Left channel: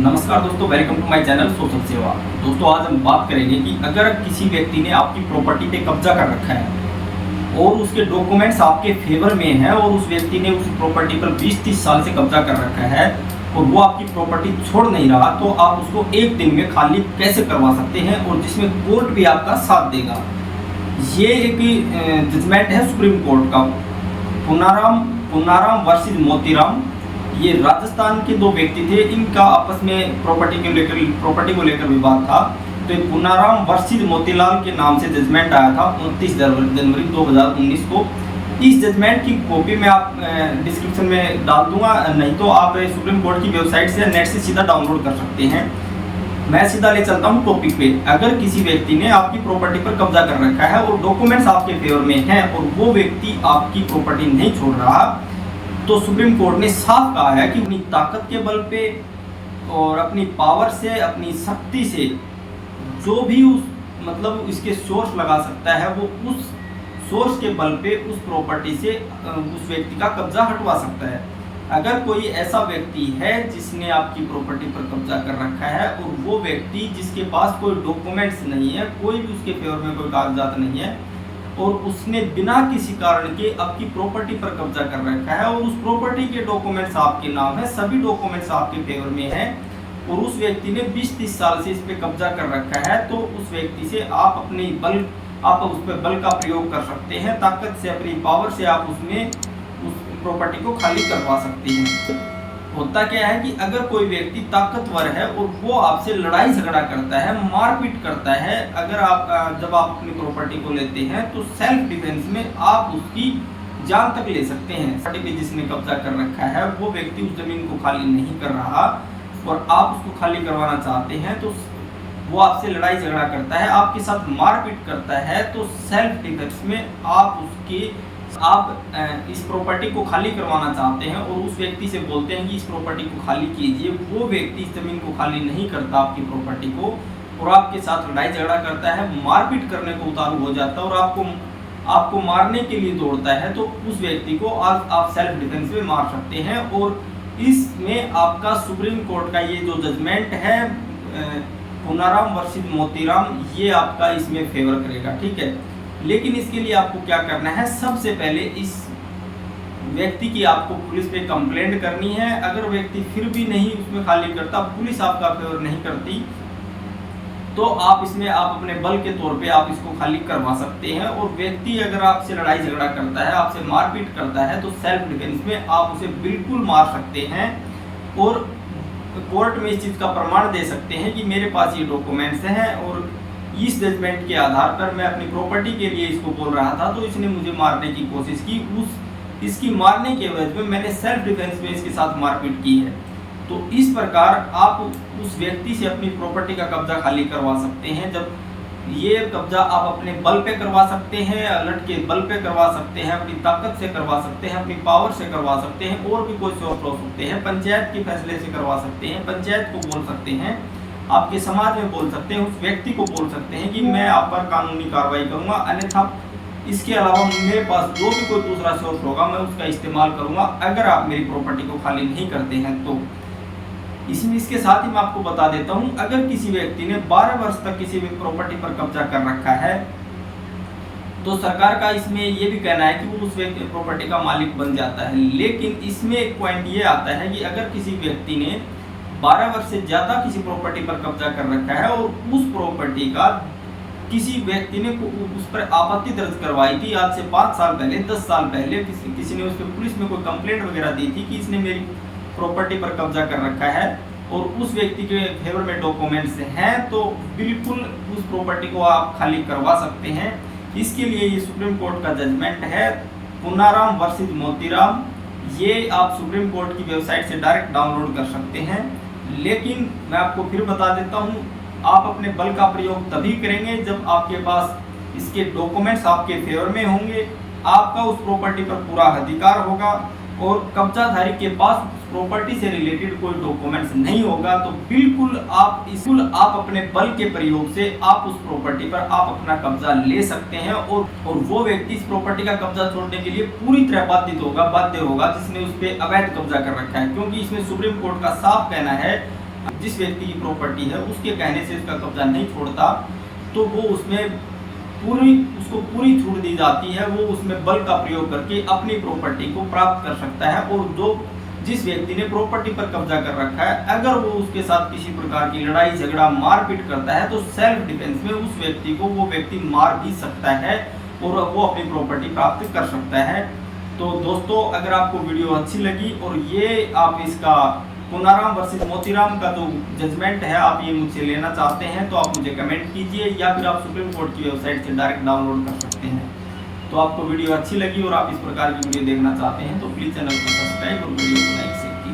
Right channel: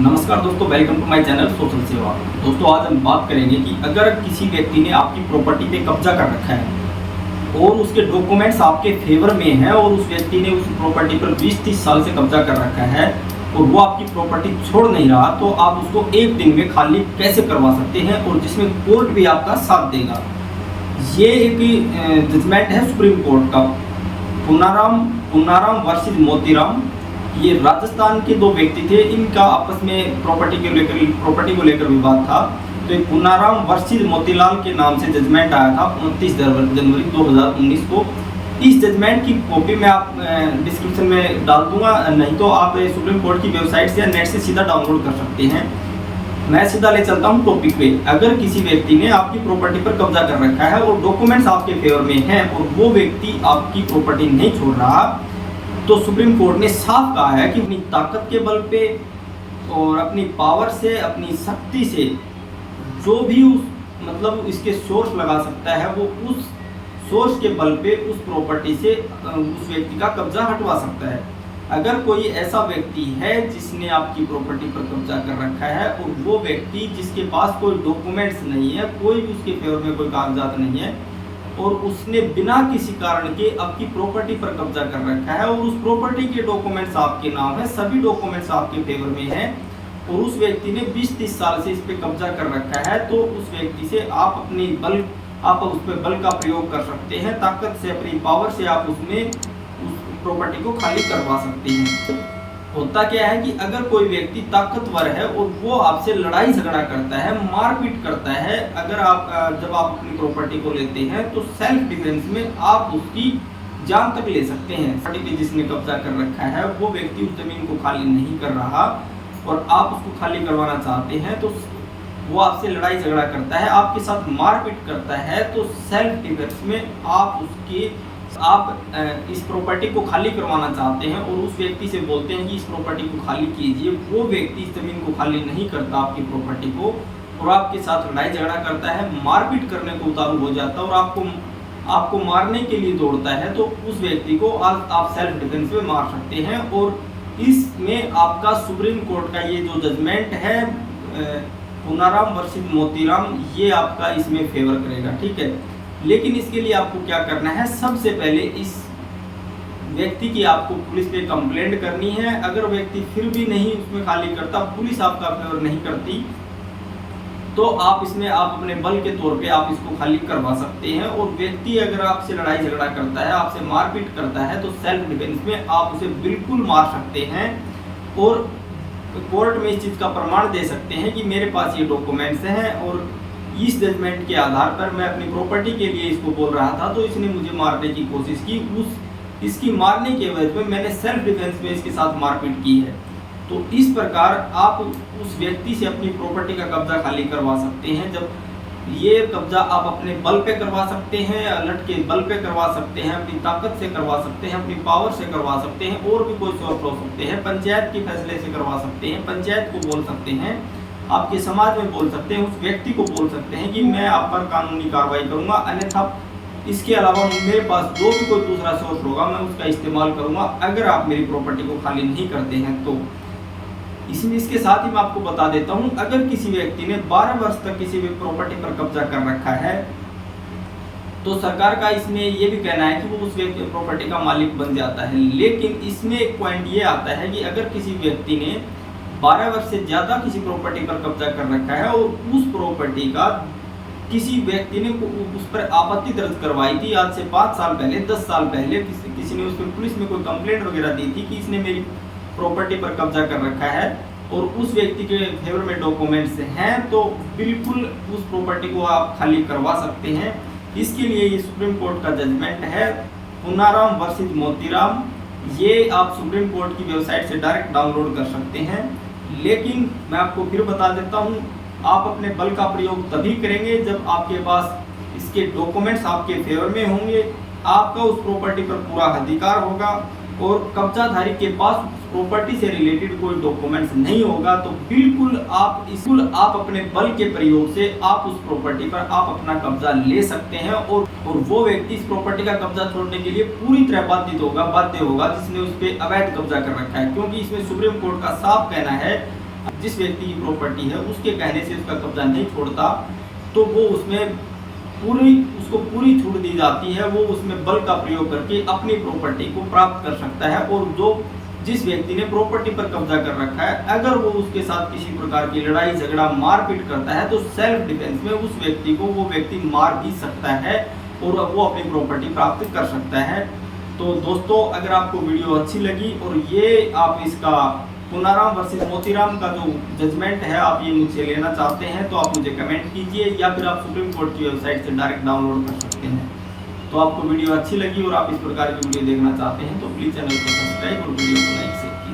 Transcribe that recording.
नमस्कार दोस्तों, welcome to my channel social Seva. दोस्तों, आज हम बात करेंगे कि अगर किसी व्यक्ति ने आपकी प्रॉपर्टी पे कब्जा कर रखा है और उसके डॉक्यूमेंट्स आपके फेवर में हैं और उस व्यक्ति ने उस प्रॉपर्टी पर 20-30 साल से कब्जा कर रखा है और वो आपकी प्रॉपर्टी छोड़ नहीं रहा, तो आप उसको एक दिन में खाली कैसे करवा सकते हैं और जिसमें कोर्ट भी आपका साथ देगा। ये एक जजमेंट है सुप्रीम कोर्ट का, पुनाराम वर्सेस मोतीराम। ये राजस्थान के दो व्यक्ति थे, इनका आपस में प्रॉपर्टी को लेकर विवाद था। तो ये पुनाराम वर्सेस मोतीलाल के नाम से जजमेंट आया था 29 जनवरी 2019 को। इस जजमेंट की कॉपी मैं आप डिस्क्रिप्शन में डाल दूंगा, नहीं तो आप सुप्रीम कोर्ट की वेबसाइट से या नेट से सीधा डाउनलोड कर सकते हैं। मैं सीधा ले चलता हूँ टॉपिक पे। अगर किसी व्यक्ति ने आपकी प्रॉपर्टी पर कब्जा कर रखा है और डॉक्यूमेंट्स आपके फेवर में हैं और वो व्यक्ति आपकी प्रॉपर्टी नहीं छोड़ रहा, तो सुप्रीम कोर्ट ने साफ कहा है कि अपनी ताकत के बल पे और अपनी पावर से, अपनी शक्ति से जो भी उस इसके सोर्स लगा सकता है, वो उस सोर्स के बल पे उस प्रॉपर्टी से उस व्यक्ति का कब्जा हटवा सकता है। अगर कोई ऐसा व्यक्ति है जिसने आपकी प्रॉपर्टी पर कब्जा कर रखा है और वो व्यक्ति जिसके पास कोई डॉक्यूमेंट्स नहीं है, कोई भी उसके फेवर में कोई कागजात नहीं है और उसने बिना किसी कारण के आपकी प्रॉपर्टी पर कब्जा कर रखा है और उस प्रॉपर्टी के डॉक्यूमेंट्स आपके नाम है, सभी डॉक्यूमेंट्स आपके फेवर में हैं और उस व्यक्ति ने 20-30 साल से इस पे कब्जा कर रखा है, तो उस व्यक्ति से आप उस पर बल का प्रयोग कर सकते हैं। ताकत से, अपनी पावर से आप उस प्रॉपर्टी को खाली करवा सकते हैं। होता क्या है कि अगर कोई व्यक्ति ताकतवर है और वो आपसे लड़ाई झगड़ा करता है, मारपीट करता है, जब आप अपनी प्रॉपर्टी को लेते हैं तो सेल्फ डिफेंस में आप उसकी जान तक ले सकते हैं। प्रॉपर्टी पे जिसने कब्जा कर रखा है वो व्यक्ति उस जमीन को खाली नहीं कर रहा और आप उसको खाली करवाना चाहते हैं, तो वो आपसे लड़ाई झगड़ा करता है, आपके साथ मारपीट करता है, तो सेल्फ डिफेंस में आप इस प्रॉपर्टी को खाली करवाना चाहते हैं और उस व्यक्ति से बोलते हैं कि इस प्रॉपर्टी को खाली कीजिए। वो व्यक्ति इस जमीन को खाली नहीं करता आपकी प्रॉपर्टी को और आपके साथ लड़ाई झगड़ा करता है, मारपीट करने को उतारू हो जाता है और आपको मारने के लिए दौड़ता है, तो उस व्यक्ति को आप सेल्फ डिफेंस में मार सकते हैं। और इसमें आपका सुप्रीम कोर्ट का ये जो जजमेंट है पुनाराम वर्सेस मोतीराम, ये आपका इसमें फेवर करेगा, ठीक है। लेकिन इसके लिए आपको क्या करना है, सबसे पहले इस व्यक्ति की आपको पुलिस पे कंप्लेंट करनी है। अगर व्यक्ति फिर भी नहीं उसमें खाली करता, पुलिस आपका फेवर नहीं करती, तो आप अपने बल के तौर पे आप इसको खाली करवा सकते हैं। और व्यक्ति अगर आपसे लड़ाई झगड़ा करता है, आपसे मारपीट करता है, तो सेल्फ डिफेंस में आप उसे बिल्कुल मार सकते हैं और कोर्ट में इस चीज़ का प्रमाण दे सकते हैं कि मेरे पास ये डॉक्यूमेंट्स हैं और इस जजमेंट के आधार पर मैं अपनी प्रॉपर्टी के लिए इसको बोल रहा था, तो इसने मुझे मारने की कोशिश की। इसकी मारने के वजह में मैंने सेल्फ डिफेंस में इसके साथ मारपीट की है। तो इस प्रकार आप उस व्यक्ति से अपनी प्रॉपर्टी का कब्जा खाली करवा सकते हैं। जब ये कब्जा आप अपने बल पे करवा सकते हैं, अलर्ट के बल पे करवा सकते हैं, अपनी ताकत से करवा सकते हैं, अपनी पावर से करवा सकते हैं, और भी कोई सोर्स हो सकते हैं, पंचायत के फैसले से करवा सकते हैं, पंचायत को बोल सकते हैं, आपके समाज में बोल सकते हैं, उस व्यक्ति को बोल सकते हैं कि मैं आप पर कानूनी कार्रवाई करूंगा, अन्यथा इसके अलावा मेरे पास जो भी कोई दूसरा सोर्स होगा मैं उसका इस्तेमाल करूंगा अगर आप मेरी प्रॉपर्टी को खाली नहीं करते हैं। तो इसके साथ ही मैं आपको बता देता हूं, अगर किसी व्यक्ति ने 12 वर्ष तक किसी भी प्रॉपर्टी पर कब्जा कर रखा है, तो सरकार का इसमें ये भी कहना है कि वो उस व्यक्ति प्रॉपर्टी का मालिक बन जाता है। लेकिन इसमें एक पॉइंट ये आता है कि अगर किसी व्यक्ति ने 12 वर्ष से ज़्यादा किसी प्रॉपर्टी पर कब्जा कर रखा है और उस प्रॉपर्टी का किसी व्यक्ति ने उस पर आपत्ति दर्ज करवाई थी आज से 5 साल पहले, 10 साल पहले, किसी ने उस पर पुलिस में कोई कंप्लेंट वगैरह दी थी कि इसने मेरी प्रॉपर्टी पर कब्जा कर रखा है और उस व्यक्ति के फेवर में डॉक्यूमेंट्स हैं, तो बिल्कुल उस प्रॉपर्टी को आप खाली करवा सकते हैं। इसके लिए ये सुप्रीम कोर्ट का जजमेंट है पुनाराम वर्सेस मोतीराम। ये आप सुप्रीम कोर्ट की वेबसाइट से डायरेक्ट डाउनलोड कर सकते हैं। लेकिन मैं आपको फिर बता देता हूँ, आप अपने बल का प्रयोग तभी करेंगे जब आपके पास इसके डॉक्यूमेंट्स आपके फेवर में होंगे, आपका उस प्रॉपर्टी पर पूरा अधिकार होगा और कब्जाधारी के पास प्रॉपर्टी से रिलेटेड कोई डॉक्यूमेंट्स नहीं होगा, तो बिल्कुल आप अपने बल के प्रयोग से आप उस प्रॉपर्टी पर आप अपना कब्जा ले सकते हैं और वो व्यक्ति इस प्रॉपर्टी का कब्जा छोड़ने के लिए पूरी तरह बाध्य होगा जिसने उस पर अवैध कब्जा कर रखा है। क्योंकि इसमें सुप्रीम कोर्ट का साफ कहना है, जिस व्यक्ति की प्रॉपर्टी है उसके कहने से उसका कब्जा नहीं छोड़ता, तो वो उसमें उसको पूरी छूट दी जाती है। वो उसमें बल का प्रयोग करके अपनी प्रॉपर्टी को प्राप्त कर सकता है। और जिस व्यक्ति ने प्रॉपर्टी पर कब्जा कर रखा है, अगर वो उसके साथ किसी प्रकार की लड़ाई झगड़ा मारपीट करता है, तो सेल्फ डिफेंस में उस व्यक्ति को वो व्यक्ति मार भी सकता है और वो अपनी प्रॉपर्टी प्राप्त कर सकता है। तो दोस्तों, अगर आपको वीडियो अच्छी लगी और ये आप इसका पुनाराम वर्सेस मोतीराम का जो जजमेंट है आप ये मुझसे लेना चाहते हैं, तो आप मुझे कमेंट कीजिए, या फिर आप सुप्रीम कोर्ट की वेबसाइट से डायरेक्ट डाउनलोड कर सकते हैं। तो आपको वीडियो अच्छी लगी और आप इस प्रकार की वीडियो देखना चाहते हैं तो प्लीज़ चैनल को सब्सक्राइब और वीडियो को लाइक शेयर कीजिए।